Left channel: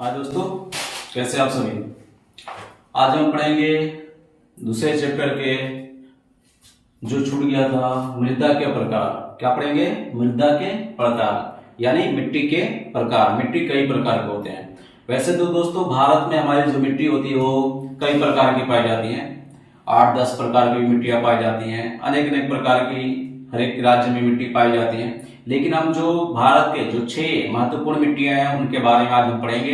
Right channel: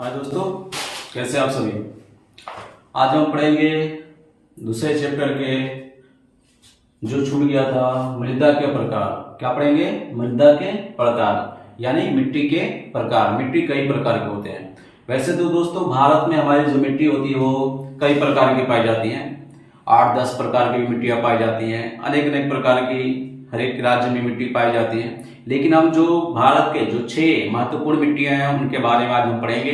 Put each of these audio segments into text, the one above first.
हाँ दोस्तों, कैसे आप सभी। आज हम पढ़ेंगे दूसरे चैप्टर के जो छूट गया था मृदा के प्रकार। क्या पढ़ेंगे? मृदा के प्रकार यानी मिट्टी के प्रकार। मिट्टी कई प्रकार के होते हैं। वैसे तो दोस्तों भारत में हमारी जो मिट्टी होती है वो कई प्रकार की पाई जाती है। 8-10 प्रकार की मिट्टियां पाई जाती हैं। अनेक अनेक प्रकार की हर एक राज्य में मिट्टी पाई जाती है। लेकिन हम जो भारत के जो 6 महत्वपूर्ण मिट्टियां हैं उनके बारे में आज हम पढ़ेंगे।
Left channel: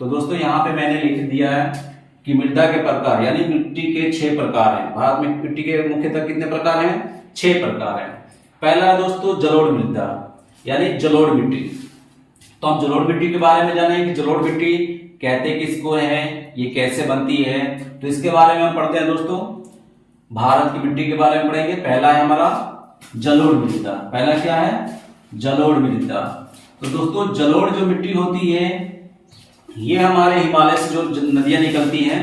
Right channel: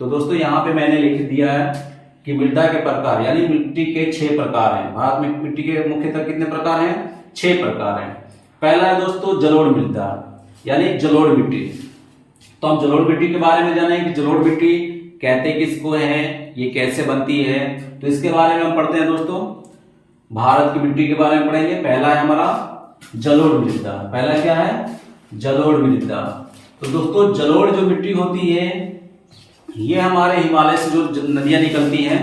तो दोस्तों यहाँ पे मैंने लिख दिया है कि मृदा के प्रकार यानी मिट्टी के 6 प्रकार हैं। भारत में मिट्टी के मुख्यतः कितने प्रकार हैं? 6 प्रकार हैं। पहला है दोस्तों जलोढ़ मृदा यानी जलोढ़ मिट्टी। तो हम जलोढ़ मिट्टी के बारे में जानेंगे कि जलोढ़ मिट्टी कहते किसको है, ये कैसे बनती है। तो इसके बारे में हम पढ़ते हैं दोस्तों। भारत की मिट्टी के बारे में पढ़ेंगे। पहला है हमारा जलोढ़ मृदा। पहला क्या है? जलोढ़ मृदा। तो दोस्तों जलोढ़ जो मिट्टी होती है ये हमारे हिमालय से जो नदियां निकलती हैं,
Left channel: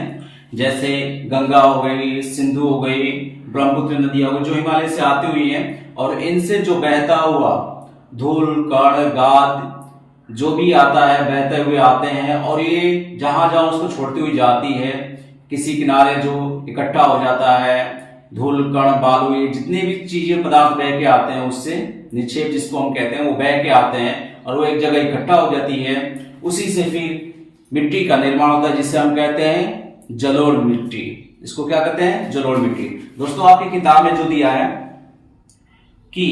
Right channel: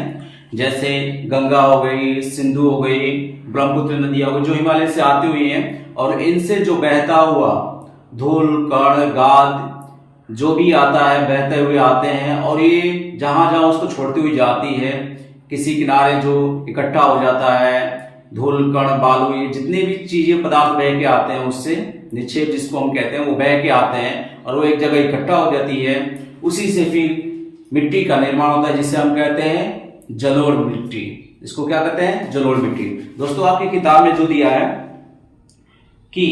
जैसे गंगा हो गई, सिंधु हो गई, ब्रह्मपुत्र नदियां हो गई, जो हिमालय से आती हुई हैं और इनसे जो बहता हुआ धूल कण गाद जो भी आता है बहते हुए आते हैं और ये जहां जहां उसको छोड़ती हुई जाती है, किसी किनारे जो इकट्ठा हो जाता है धूल कण बालू, ये जितने भी चीजें पदार्थ बह के आते हैं उससे निक्षेप जिसको हम कहते हैं वो बह के आते हैं और वो एक जगह इकट्ठा हो जाती है। उसी से फिर मिट्टी का निर्माण होता है जिसे हम कहते हैं जलोढ़ मिट्टी। इसको क्या कहते हैं? जलोढ़ मिट्टी। दोस्तों आपकी किताब में जो दिया है कि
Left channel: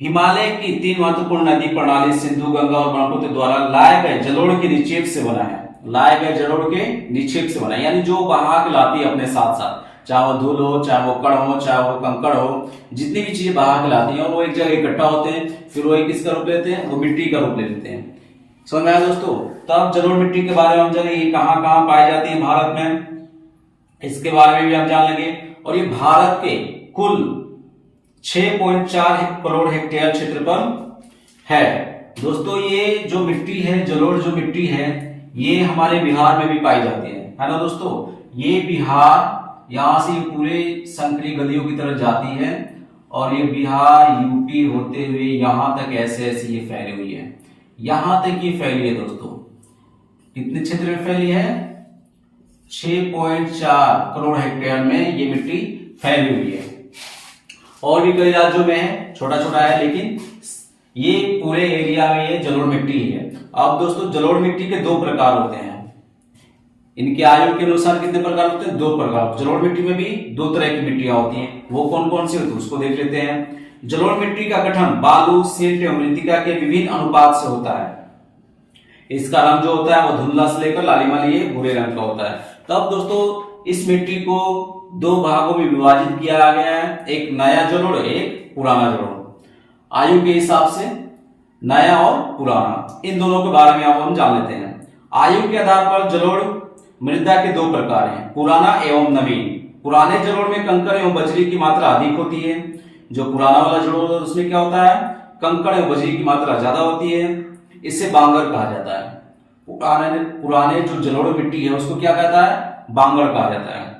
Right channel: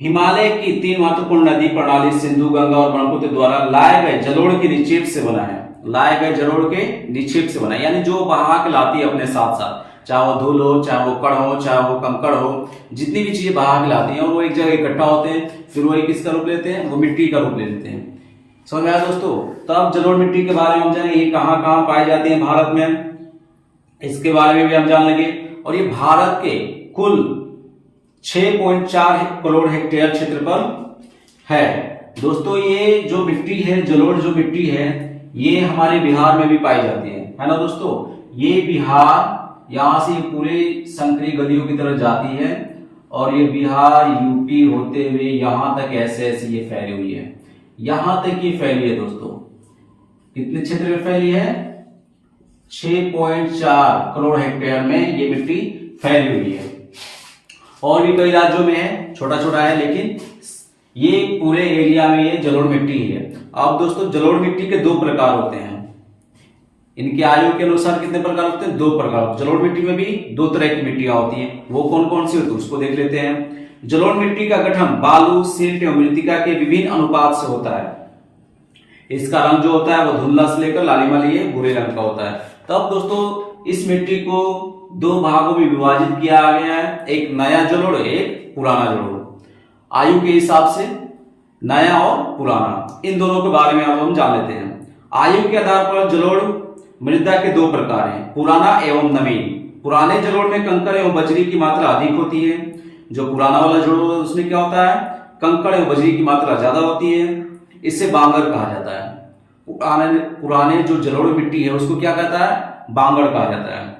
हिमालय की 3 महत्वपूर्ण नदी प्रणाली सिंधु गंगा और ब्रह्मपुत्र द्वारा लाए गए जलोढ़ के निक्षेप से बना है। लाए गए जलोढ़ के निक्षेप से बना है यानी जो बहा के लाती है अपने साथ साथ, चाहे वो धूल हो, चाहे वो कण हो, चाहे वो कंकड़ हो, जितनी भी चीजें बहा के लाती हैं और वो एक जगह इकट्ठा होते हैं, फिर वो किसका रूप लेते हैं? वो मिट्टी का रूप ले लेते हैं। समझ में आया दोस्तों? तब जलोढ़ मिट्टी के बारे में हम जानेंगे ये कहां कहां पाई जाती है भारत में, इसके बारे में भी हम जान लेंगे। और ये भारत के कुल 6.4 करोड़ हेक्टेयर क्षेत्रफल है। दोस्तों ये जो मिट्टी है, जलोढ़ जो मिट्टी है, ये हमारे बिहार में भी पाई जाती है ना दोस्तों। ये बिहार यहां से पूरे संकरी गलियों की तरफ जाती है और ये बिहार यूपी होते हुए यहां तक ऐसे ऐसे ये फैली हुई है। यहां तक ये फैली है दोस्तों। कितने क्षेत्र में फैली है? 6.4 करोड़ हेक्टेयर में ये मिट्टी फैली हुई है। और भी कई राज्यों में है, छोटा छोटा है, लेकिन ये पूरे एरिया में ये जलोढ़ मिट्टी है। अब दोस्तों जलोढ़ मिट्टी के 2 प्रकार होते हैं। इनके आयु के अनुसार कितने प्रकार होते हैं? 2 प्रकार। जलोढ़ मिट्टी में भी 2 तरह की मिट्टियां होती हैं। वो कौन कौन सी होती है उसको देख लेते हैं। जलोढ़ मिट्टी का गठन बालू, सिल्ट एवं मृत्तिका के विभिन्न अनुपात से होता है। इसका रंग जो होता है वो धुंधला से लेकर लालिमा लिए भूरे रंग का होता है। तब दोस्तों इस मिट्टी को 2 भागों में विभाजित किया गया है, एक नया जलोढ़, एक पुराना जलोढ़। आयु के हिसाब से नया और पुराना, इन दोनों के बारे में अब हम जान लेते हैं। आयु के आधार पर जलोढ़ मृदा के 2 प्रकार हैं, पुराना एवं नवीन। पुराने जलोढ़ में कंकड़ एवं बजरी की मात्रा अधिक होती है। जो पुराना वाला जलोढ़ उसमें क्या होता है? कंकड़ एवं बजरी की मात्रा ज्यादा होती है। इसे बांगर कहा जाता है। पुराने जो जलोढ़ मिट्टी है उसको क्या कहता है? बांगर कहा जाता है।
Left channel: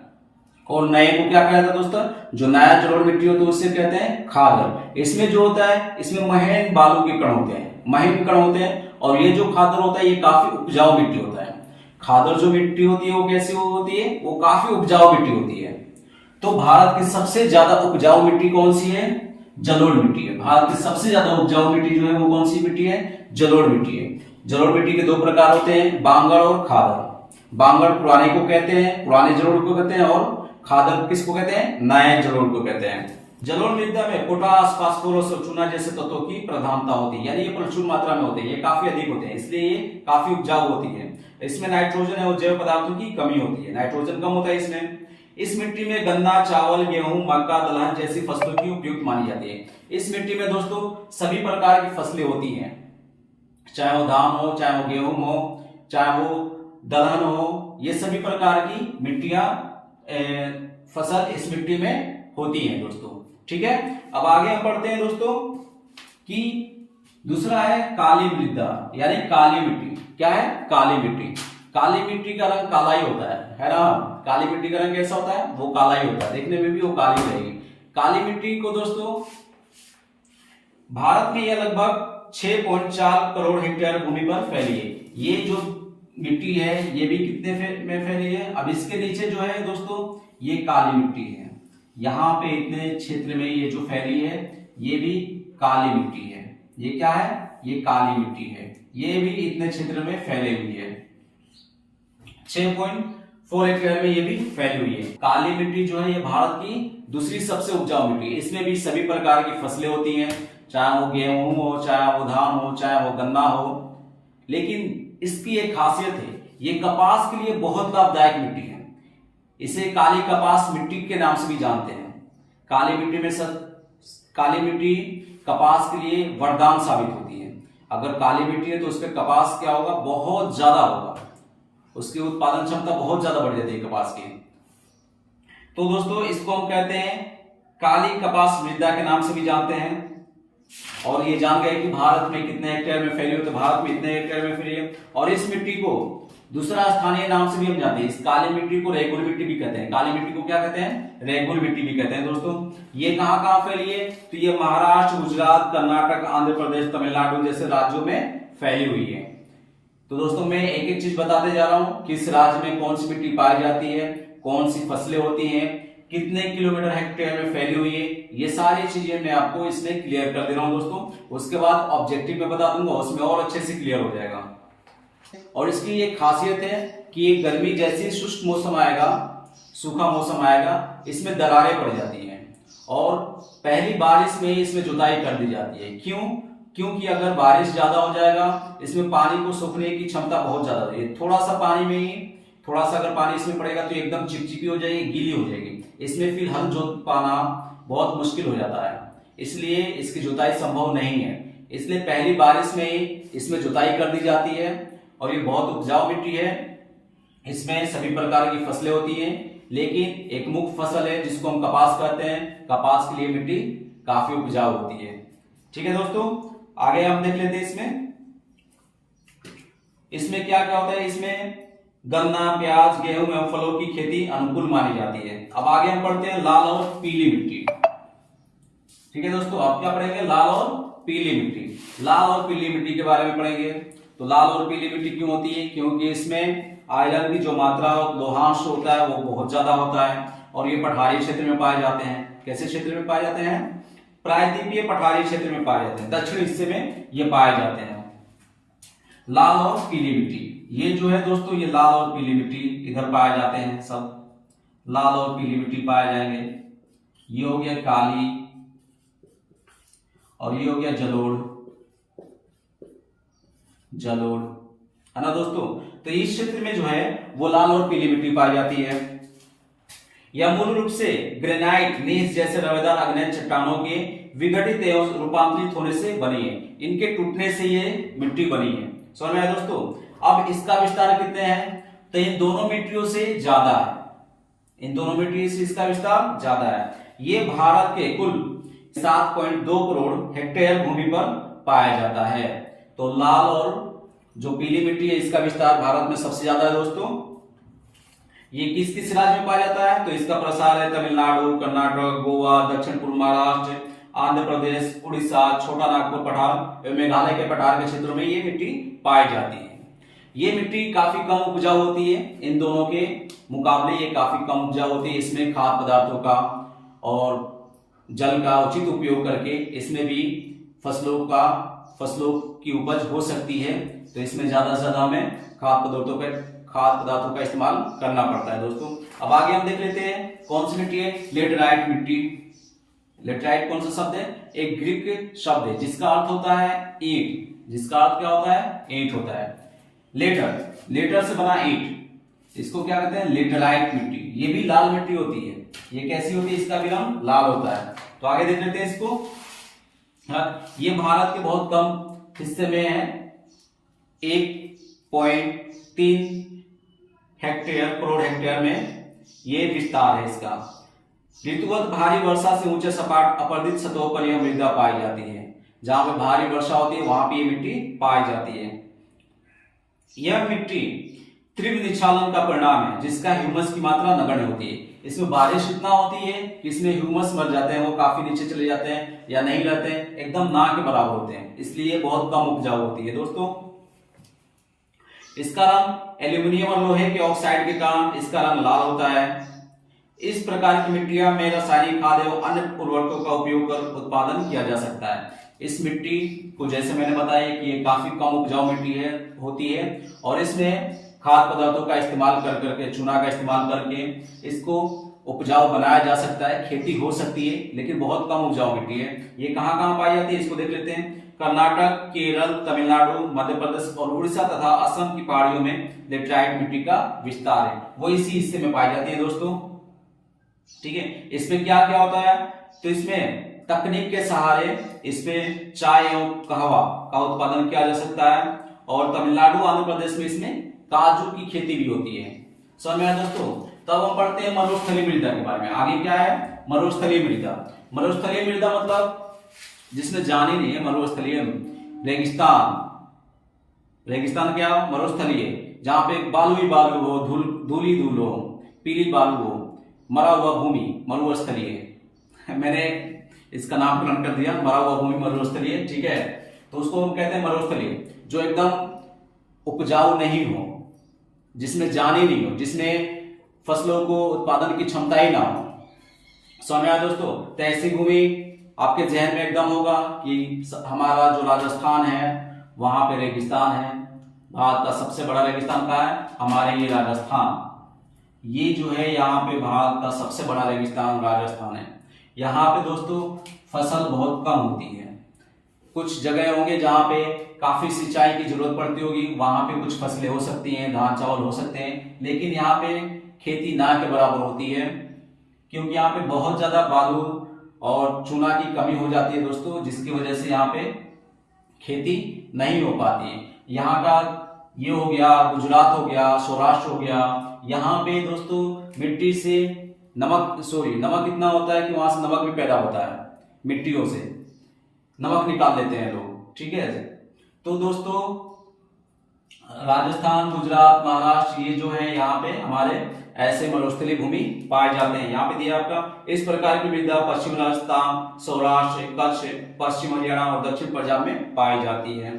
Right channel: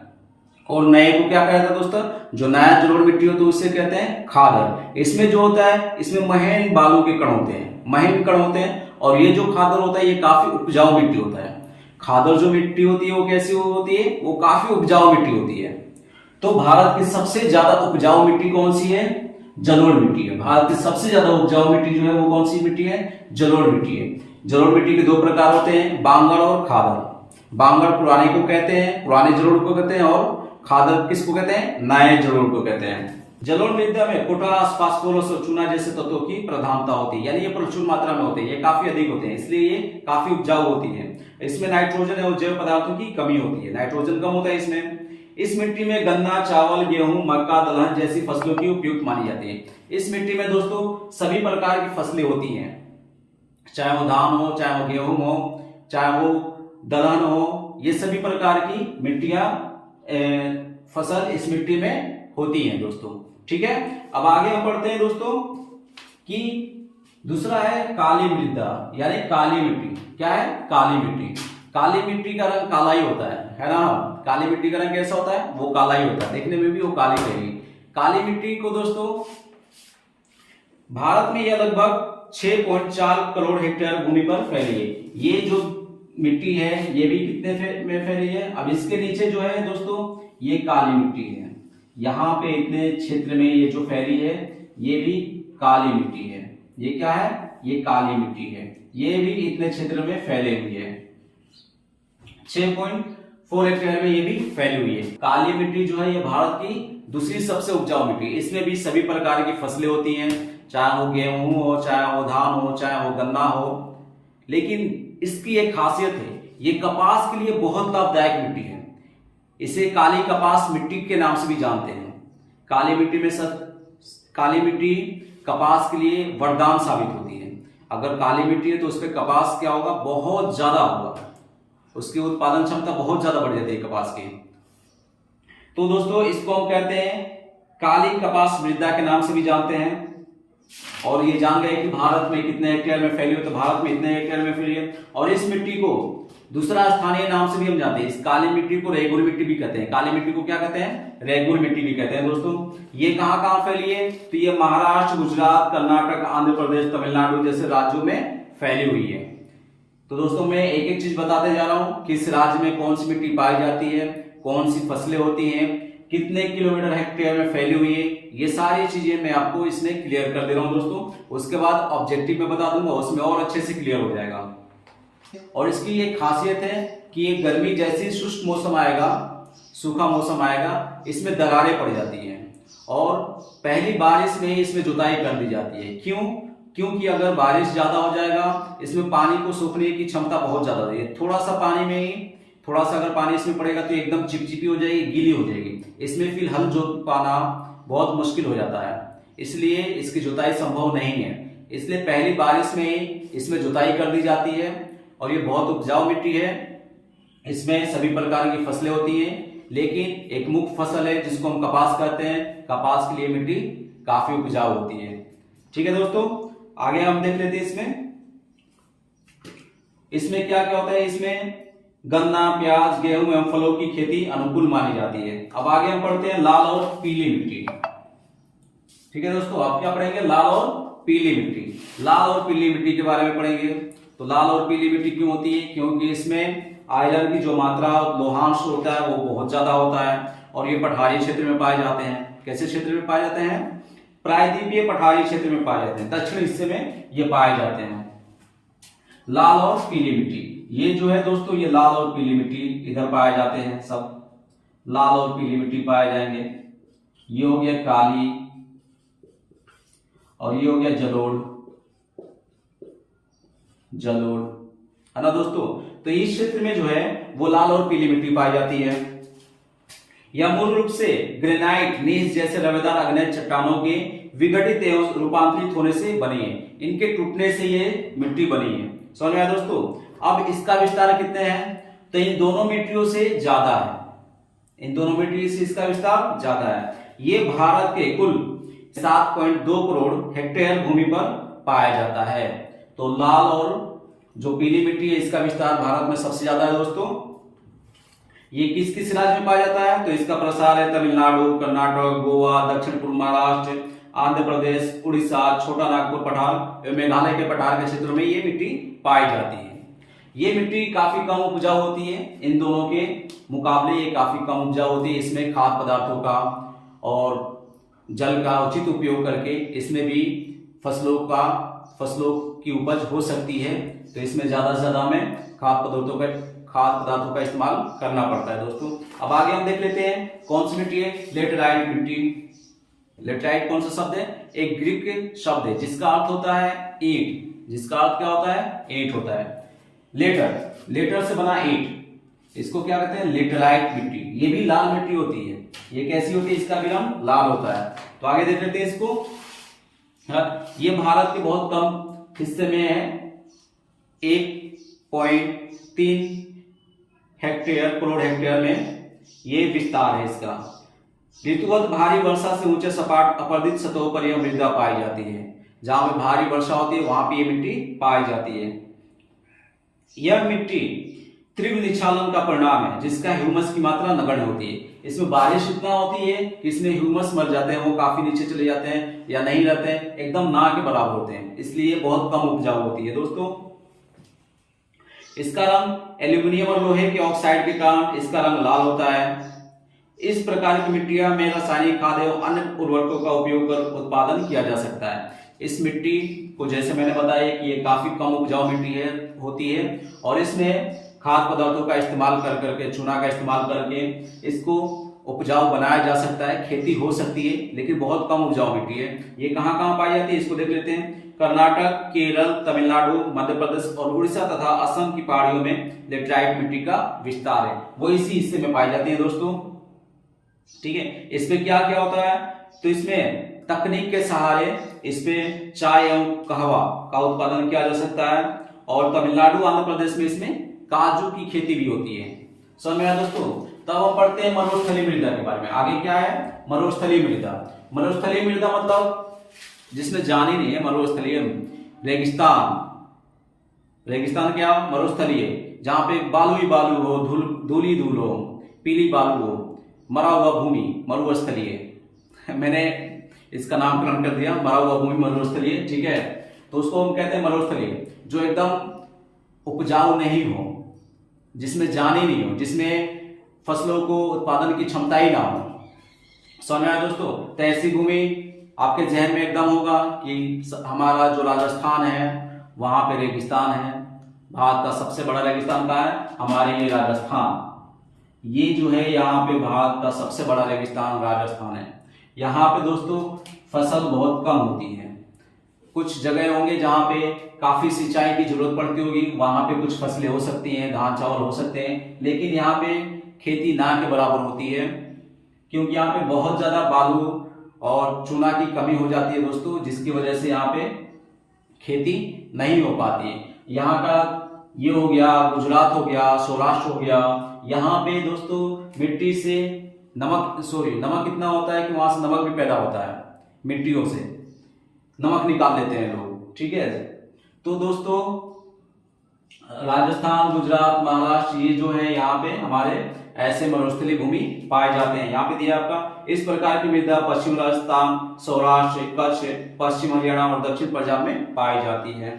और नए को क्या कहता है दोस्तों? जो नया जलोढ़ मिट्टी हो तो उसे कहते हैं खादर। इसमें जो होता है इसमें महीन बालू के कण होते हैं, महीन कण होते हैं। और ये जो खादर होता है ये काफी उपजाऊ मिट्टी होता है। खादर जो मिट्टी होती है वो कैसी होती है? वो काफी उपजाऊ मिट्टी होती है। तो भारत की सबसे ज्यादा उपजाऊ मिट्टी कौन सी है? जलोढ़ मिट्टी है। भारत की सबसे ज्यादा उपजाऊ मिट्टी जो है वो कौन सी मिट्टी है? जलोढ़ मिट्टी है। जलोढ़ मिट्टी के 2 प्रकार होते हैं, बांगर और खादर। बांगर पुराने को कहते हैं, पुराने जलोढ़ को कहते हैं, और खादर किसको कहते हैं? नए जलोढ़ को कहते हैं। जलोढ़ मृदा में पोटास, फास्फोरस और चूना जैसे तत्वों की प्रधानता होती है, यानी ये प्रचुर मात्रा में होते हैं, ये काफी अधिक होते हैं, इसलिए ये काफी उपजाऊ होती है। इसमें नाइट्रोजन और जैव पदार्थों की कमी होती है, नाइट्रोजन कम होता है इसमें। इस मिट्टी में गन्ना, चावल, गेहूं, मक्का, दलहन जैसी फसलों की उपयुक्त मानी जाती है। इस मिट्टी में दोस्तों सभी प्रकार की फसलें होती हैं, चाहे वो धान हो, चाहे वो गेहूं हो, चाहे वो दलहन हो, ये सभी प्रकार की मिट्टियां फसल इस मिट्टी में होती हैं दोस्तों। ठीक है, अब आगे हम पढ़ते हैं दोस्तों कि दूसरा है काली मृदा यानी काली मिट्टी। क्या है? काली मिट्टी। काली मिट्टी का रंग काला ही होता है ना। काली मिट्टी का रंग कैसा होता है? वो काला ही होता है, देखने में भी वो काली रहेगी। काली मिट्टी को दोस्तों भारत में यह लगभग 6.4 करोड़ हेक्टेयर भूमि पर फैली है। ये जो मिट्टी है ये भी कितने में फैली है। अब इसके नीचे जो है दोस्तों ये काली मिट्टी है, यहाँ पे इतने क्षेत्र में ये जो फैली है ये भी काली मिट्टी है। ये क्या है, ये काली मिट्टी है, ये भी इतने क्षेत्र में फैली हुई है। 6.4 हेक्टेयर में ये भी फैली हुई है। काली मिट्टी जो है ये भारत की दूसरी सबसे उपजाऊ मिट्टी। इसमें भी सभी प्रकार की फसलें होती हैं, चाहे वो गेहूं हो, चाहे वो धान हो, चाहे वो गन्ना हो। लेकिन इसकी एक खासियत है, ये कपास के लिए बहुत लाभदायक मिट्टी है। इसे काली कपास मिट्टी के नाम से भी जानते हैं। काली मिट्टी में काली मिट्टी कपास के लिए वरदान साबित होती है। अगर काली मिट्टी है तो उस पर कपास क्या होगा, बहुत ज्यादा होगा, उसकी उत्पादन क्षमता बहुत ज्यादा बढ़ जाती है कपास की। तो दोस्तों इसको हम कहते हैं काली कपास मृदा के नाम से भी जानते हैं। और ये जान गए कि भारत में कितने हेक्टेयर में फैली है, तो भारत में इतने हेक्टेयर में फैली है। और इस मिट्टी को दूसरा स्थानीय नाम से भी हम जानते हैं, इस काली मिट्टी को रेगुर मिट्टी भी कहते हैं। काली मिट्टी को क्या कहते हैं, रेगुर मिट्टी भी कहते हैं। दोस्तों ये कहां कहां फैली है, तो ये महाराष्ट्र, गुजरात, कर्नाटक, आंध्र प्रदेश, तमिलनाडु जैसे राज्यों में फैली हुई है। तो दोस्तों मैं एक एक चीज बताते जा रहा हूं, किस राज्य में कौन सी मिट्टी पाई जाती है, कौन सी फसलें होती हैं, कितने किलोमीटर हेक्टेयर में फैली हुई है, ये सारी चीजें मैं आपको इसमें क्लियर कर दे रहा हूं दोस्तों। उसके बाद ऑब्जेक्टिव में बता दूंगा, उसमें और अच्छे से क्लियर हो जाएगा। और इसकी एक खासियत है कि ये गर्मी जैसे शुष्क मौसम आएगा, सूखा मौसम आएगा, इसमें दरारें पड़ जाती हैं और पहली बारिश में ही इसमें जुताई कर दी जाती है। क्यों? क्योंकि अगर बारिश ज्यादा हो जाएगा, इसमें पानी को सोखने की क्षमता बहुत ज्यादा है। थोड़ा सा पानी में ही, थोड़ा सा अगर पानी इसमें पड़ेगा तो एकदम चिपचिपी हो जाएगी, गीली हो जाएगी। इसमें फिर हल जोत पाना बहुत मुश्किल हो जाता है, इसलिए इसकी जुताई संभव नहीं है। इसलिए पहली बारिश में ही इसमें जुताई कर दी जाती है। और ये बहुत उपजाऊ मिट्टी है, इसमें सभी प्रकार की फसलें होती हैं, लेकिन एक मुख्य फसल है जिसको हम कपास कहते हैं। कपास के लिए मिट्टी काफी उपजाऊ होती है। ठीक है दोस्तों, आगे हम देख लेते हैं इसमें क्या क्या होता है। इसमें गन्ना, प्याज, गेहूं एवं फलों की खेती अनुकूल मानी जाती है। अब आगे हम पढ़ते हैं लाल और पीली मिट्टी। ठीक है दोस्तों, आप क्या पढ़ेंगे, लाल और पीली मिट्टी। लाल और पीली मिट्टी के बारे में पढ़ेंगे। तो लाल और पीली मिट्टी क्यों होती है, क्योंकि इसमें आयरन की जो मात्रा, लोहांश होता है वो बहुत ज्यादा होता है और ये पठारी क्षेत्र में पाए जाते हैं। कैसे क्षेत्र में पाए जाते हैं, प्रायद्वीपीय पठारी क्षेत्र में पाए जाते हैं, दक्षिण हिस्से में ये पाए जाते हैं। लाल और पीली मिट्टी, ये जो है दोस्तों, ये लाल और पीली मिट्टी इधर पाए जाते हैं, सब लाल और पीली मिट्टी पाए जाएंगे। ये हो गया काली और ये हो गया जलोढ़ है ना दोस्तों। तो इस क्षेत्र में जो है वो लाल और पीली मिट्टी पाई जाती है। यह मूल रूप से ग्रेनाइट, नीस जैसे रवेदार अग्नेय चट्टानों के विघटित एवं रूपांतरित होने से बनी है। इनके टूटने से ये मिट्टी बनी है। समझ में आया दोस्तों। अब इसका विस्तार कितने हैं, तो इन दोनों मिट्टियों से ज्यादा है, इन दोनों मिट्टियों से इसका विस्तार ज्यादा है। ये भारत के कुल 7.2 करोड़ हेक्टेयर भूमि पर पाया जाता है। तो लाल और जो पीली मिट्टी है इसका विस्तार भारत में सबसे ज्यादा है दोस्तों। ये किस किस राज्य में पाया जाता है, तो इसका प्रसार है तमिलनाडु, कर्नाटक, गोवा, दक्षिण पूर्व महाराष्ट्र, आंध्र प्रदेश, उड़ीसा, छोटा नागपुर पठार, मेघालय के पठार के क्षेत्रों में ये मिट्टी पाई जाती है। ये मिट्टी काफी कम उपजाऊ होती है, इन दोनों के मुकाबले ये काफी कम उपजाऊ होती है। इसमें खाद्य पदार्थों का और जल का उचित उपयोग करके इसमें भी फसलों की उपज हो सकती है। तो इसमें ज्यादा से ज्यादा हमें खाद्य पदार्थों का इस्तेमाल करना पड़ता है दोस्तों। अब आगे हम देख लेते हैं कौन सी मिट्टी है, लेटेराइट मिट्टी। लेटेराइट कौन सा शब्द है, एक ग्रीक शब्द है जिसका अर्थ होता है ईंट। जिसका अर्थ क्या होता है, ईंट होता है। लेटर से बना ईंट, इसको क्या कहते हैं, लेटेराइट मिट्टी। ये भी लाल मिट्टी होती है। ये कैसी होती है, इसका विलंब लाल होता है। तो आगे देख लेते हैं इसको। ये भारत के बहुत कम हिस्से में है, 1.3 करोड़ हेक्टेयर में ये विस्तार है इसका। ऋतुगत भारी वर्षा से ऊंचे सपाट अपरदित सतहों पर यह मृदा पाई जाती है। जहां पे भारी वर्षा होती है वहां पे ये मिट्टी पाई जाती है। यह मिट्टी तीव्र निक्षालन का परिणाम है, जिसका ह्यूमस की मात्रा नगण्य होती है। इसमें बारिश इतना होती है कि इसमें ह्यूमस मर जाते हैं, वो काफी नीचे चले जाते हैं या नहीं रहते हैं, एकदम ना के बराबर होते हैं, इसलिए बहुत कम उपजाऊ होती है दोस्तों। इसका रंग एल्यूमिनियम और लोहे के ऑक्साइड के कारण इसका रंग लाल होता है। इस प्रकार की मिट्टियां में रासायनिक खाद एवं अन्य उर्वरकों का उपयोग कर उत्पादन किया जा सकता है। इस मिट्टी को जैसे मैंने बताया कि ये काफी कम उपजाऊ मिट्टी होती है और इसमें खाद्य पदार्थों का इस्तेमाल कर करके, चूना का इस्तेमाल करके इसको उपजाऊ बनाया जा सकता है, खेती हो सकती है, लेकिन बहुत कम उपजाऊ मिट्टी है। ये कहाँ कहाँ पाई जाती है इसको देख लेते हैं। कर्नाटक, केरल, तमिलनाडु, मध्य प्रदेश और उड़ीसा तथा असम की पहाड़ियों में लेटराइट मिट्टी का विस्तार है, वो इसी हिस्से में पाई जाती है दोस्तों। ठीक है, इसमें क्या क्या होता है, तो इसमें तकनीक के सहारे इसमें चाय एवं कहवा का उत्पादन किया जा सकता है और तमिलनाडु, आंध्र प्रदेश में इसमें काजू की खेती भी होती है। समझ में आया दोस्तों। तब हम पढ़ते हैं मरुस्थलीय मृदा के बारे में। आगे क्या है, मरुस्थलीय मृदा। मरुस्थलीय मृदा मतलब जिसने जानी नहीं है, मरुस्थलीय रेगिस्तान। रेगिस्तान क्या, मरुस्थलीय, जहां पे बालू ही बालू हो, धूल ही धूल हो, पीली बालू हो, मरा हुआ भूमि, मरुस्थलीय। मैंने इसका नामकरण कर दिया, मरा हुआ भूमि मरुस्थलीय। ठीक है, तो उसको हम कहते हैं मरुस्थलीय, जो एकदम उपजाऊ नहीं हो, जिसमें जान ही नहीं हो, जिसने फसलों को उत्पादन की क्षमता ही ना हो। समझ में आया दोस्तों। तो ऐसी भूमि आपके जहन में एकदम होगा कि हमारा जो राजस्थान है वहां पे रेगिस्तान है। भारत का सबसे बड़ा रेगिस्तान कहाँ है, हमारे ये राजस्थान। ये जो है यहाँ पे भारत का सबसे बड़ा रेगिस्तान राजस्थान है। यहाँ पे दोस्तों फसल बहुत कम होती है। कुछ जगह होंगे जहाँ पे काफी सिंचाई की जरूरत पड़ती होगी, वहां पे कुछ फसलें हो सकती हैं, धान चावल हो सकते हैं, लेकिन यहाँ पे खेती ना के बराबर होती है, क्योंकि यहाँ पे बहुत ज्यादा बालू और चूना की कमी हो जाती है दोस्तों, जिसकी वजह से यहाँ पे खेती नहीं हो पाती है। यहाँ का ये हो गया, गुजरात हो गया, सौराष्ट्र हो गया, यहाँ पे दोस्तों मिट्टी से नमक इतना होता है कि वहां से नमक भी पैदा होता है, मिट्टियों से नमक निकाल लेते हैं लोग। ठीक है, तो दोस्तों राजस्थान, गुजरात, महाराष्ट्र, ये जो है यहाँ पे हमारे ऐसे मरुस्थलीय भूमि पाए जाते हैं। यहाँ पे दिया आपका इस प्रकार की मृदा पश्चिम राजस्थान, सौराष्ट्र, कच्छ, पश्चिम हरियाणा और दक्षिण पंजाब में पाई जाती है।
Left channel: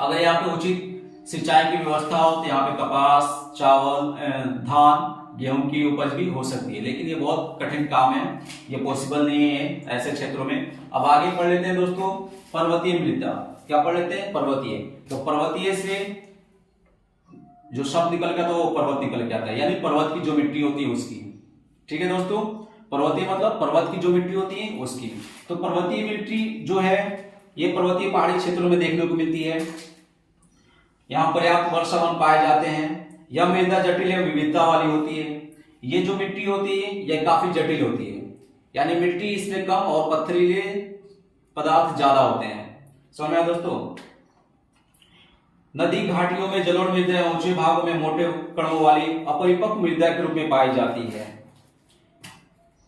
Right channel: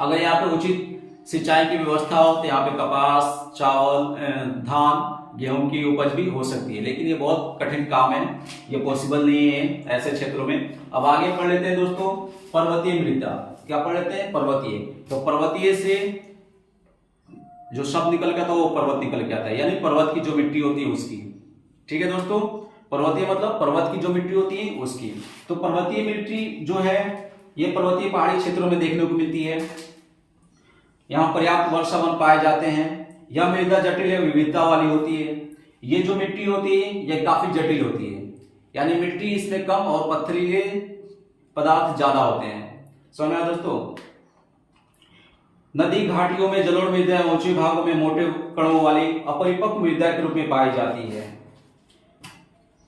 अगर यहाँ पे उचित सिंचाई की व्यवस्था हो तो यहाँ पे कपास, चावल, धान, गेहूं की उपज भी हो सकती है, लेकिन ये बहुत कठिन काम है, ये पॉसिबल नहीं है ऐसे क्षेत्रों में। अब आगे पढ़ लेते हैं दोस्तों पर्वतीय मृदा। क्या पढ़ लेते हैं, पर्वतीय। तो पर्वतीय से जो शब्द निकल गया तो वो पर्वत निकल के आता है, यानी पर्वत की जो मिट्टी होती है उसकी। ठीक है दोस्तों, पर्वतीय मतलब पर्वत की जो मिट्टी होती है उसकी। तो पर्वतीय मिट्टी जो है ये पर्वतीय पहाड़ी क्षेत्रों में देखने को मिलती है। यहाँ पर्याप्त वर्षावन पाए जाते हैं। यह मृदा जटिल एवं विविधता वाली होती है। ये जो मिट्टी होती है यह काफी जटिल होती है, यानी मिट्टी इसमें कम और पथरीले पदार्थ ज्यादा होते हैं। समझ में आया दोस्तों। नदी घाटियों में जलोढ़ मृदा ऊंचे भागों में मोटे कणों वाली अपरिपक्व मृदा के रूप में पाई जाती है।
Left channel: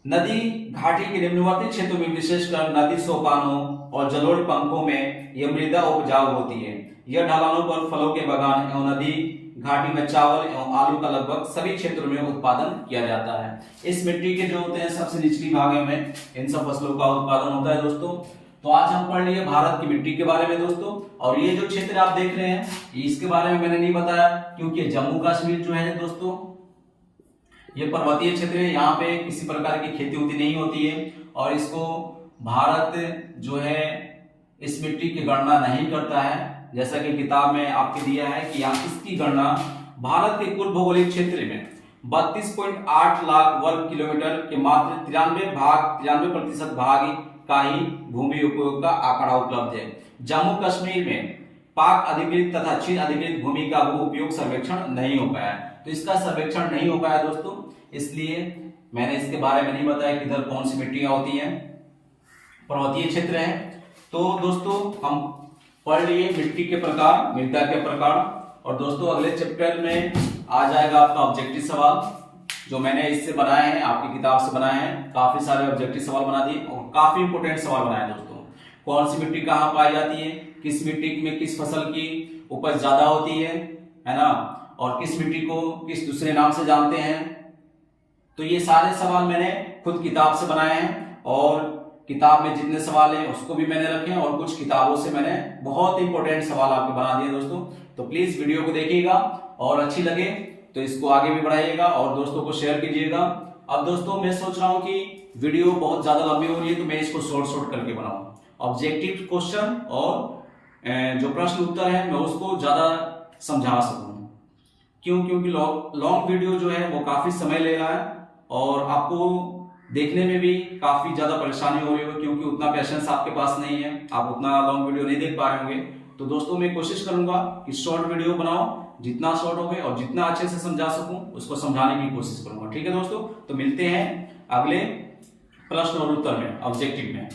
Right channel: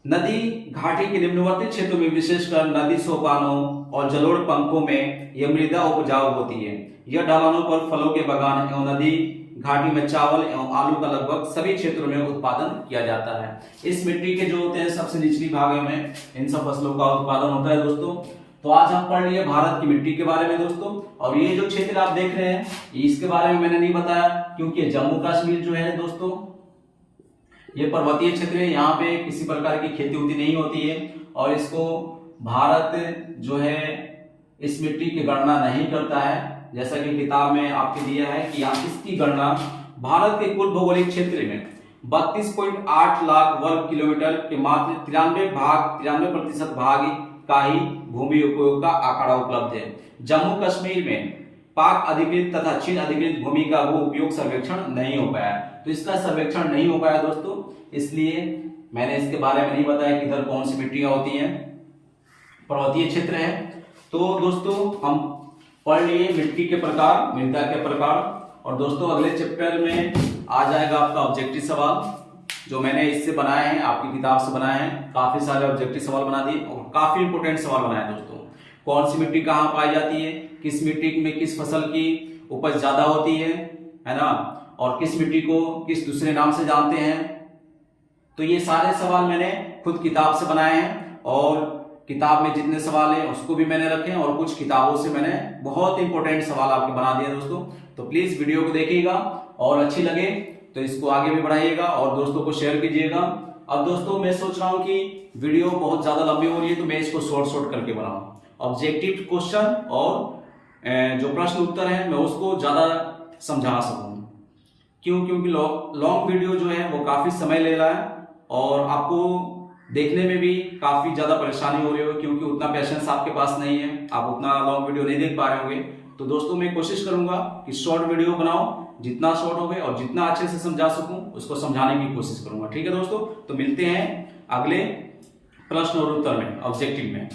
नदी घाटी के निम्नवर्ती क्षेत्रों में विशेषकर नदी सोपानों और जलोढ़ पंखों में यह मृदा उपजाऊ होती है। यह ढलानों पर फलों के बागान एवं नदी घाटी में चावल एवं आलू का लगभग सभी क्षेत्रों में उत्पादन किया जाता है। इस मिट्टी के जो होते हैं सबसे निचली भागों में इन सब फसलों का उत्पादन होता है दोस्तों। तो आज हम पढ़ लिए भारत की मिट्टी के बारे में दोस्तों। और ये जो क्षेत्र आप देख रहे हैं इसके बारे में मैंने नहीं बताया, क्योंकि जम्मू कश्मीर जो है दोस्तों ये पर्वतीय क्षेत्र है, यहाँ पे किसी प्रकार की खेती उती नहीं होती है और इसको भारत जो है इस मिट्टी की गणना नहीं करता है। जैसा कि किताब में आपके दिया है कि यहाँ इसकी गणना भारत के कुल भौगोलिक क्षेत्र में 32.8 लाख वर्ग किलोमीटर के मात्र 93% भाग का ही भूमि उपयोग का आंकड़ा उपलब्ध है। जम्मू कश्मीर में पाक अधिकृत तथा चीन अधिकृत भूमि का भू उपयोग सर्वेक्षण नहीं हो पाया। तो इसका सर्वेक्षण नहीं हो पाया दोस्तों, इसलिए मैंने इसके बारे में नहीं बताया कि इधर कौन सी मिट्टियां होती हैं, पर्वतीय क्षेत्र है। तो दोस्तों हम पढ़ लिए मिट्टी के प्रकार, मृदा के प्रकार। और दोस्तों अगले चैप्टर में आ जाएगा आपका ऑब्जेक्टिव सवाल, जो मैंने इससे बनाए हैं, आपकी किताब से बनाए हैं। काफी सारे ऑब्जेक्टिव सवाल बना दिए और काफी इंपोर्टेंट सवाल बनाए दोस्तों। कौन सी मिट्टी कहाँ पाई जाती है, किस मिट्टी में किस फसल की उपज ज्यादा होती है ना, और किस मिट्टी को किस दूसरे नाम से जानते हैं। तो ये सारे सवाल मैंने खुद किताब से बनाए हैं और किताब में जितने सवाल हैं उसको भी मैंने रखे हैं और कुछ किताबों से मैंने बहुत इंपॉर्टेंट सवाल आपके बना दिए दोस्तों। तो प्लीज वीडियो को देखिएगा और अच्छी लगे तो इसको आगे भी बढ़ाइएगा और दोस्तों को शेयर कीजिएगा। अब दोस्तों मैं सोच रहा हूं कि वीडियो बहुत ज्यादा लंबी हो रही है तो मैं इसको शॉर्ट करके बनाऊं। ऑब्जेक्टिव क्वेश्चन और जो प्रश्न उत्तर है मैं उसको ज्यादा समझा सकूं। क्योंकि लॉन्ग वीडियो जो है वो काफी समय ले रहा है और आपको देखने में भी काफी ज्यादा परेशानी हो रही होगी क्योंकि उतना पेशेंस आपके पास नहीं है, आप उतना लॉन्ग वीडियो नहीं देख पा रहे होंगे। तो दोस्तों मैं कोशिश करूंगा कि शॉर्ट वीडियो बनाऊं, जितना शॉर्ट हो गए और जितना अच्छे से समझा सकूं उसको समझाने की कोशिश करूंगा। ठीक है दोस्तों, तो मिलते हैं अगले प्रश्न और उत्तर में, ऑब्जेक्टिव में।